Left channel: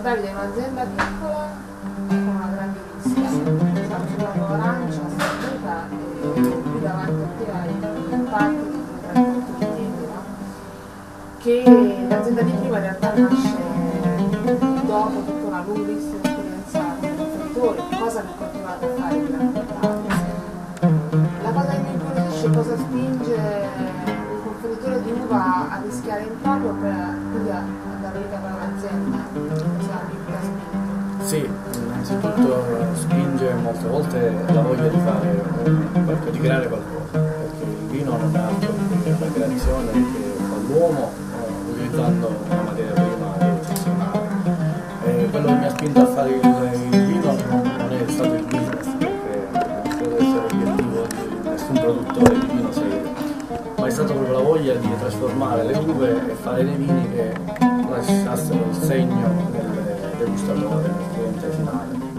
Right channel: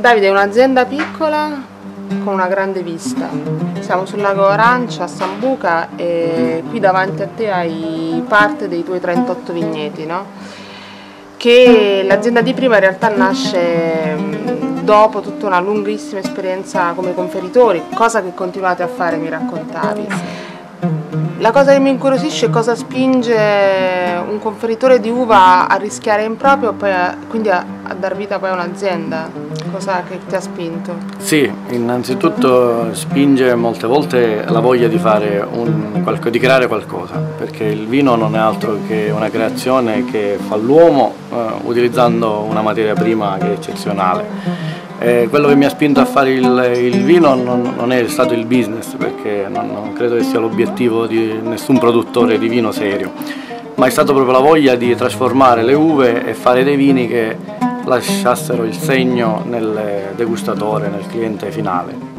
Davide è un'azienda piccola con una grande vista. Siamo sul lago Arancia a Sambuca e qui davanti a te hai parte dei tuoi 38 vigneti, no? Che l'azienda di prima in realtà nasce dopo tutta una lunghissima esperienza come conferitori, cosa che continuate a fare, mi raccontavi. La cosa che mi incuriosisce è cosa spinge un conferitore di uva a rischiare in proprio e poi quindi a dar vita poi a un'azienda. Cosa che ti ha spinto? Sì, innanzitutto spinge molte volte la voglia di fare di creare qualcosa, perché il vino non è altro che una creazione che fa l'uomo utilizzando una materia prima che è eccezionale. Quello che mi ha spinto a fare il vino non è stato il business, perché non credo che sia l'obiettivo di nessun produttore di vino serio, ma è stato proprio la voglia di trasformare le uve e fare dei vini che lasciassero il segno nel degustatore, nel cliente finale.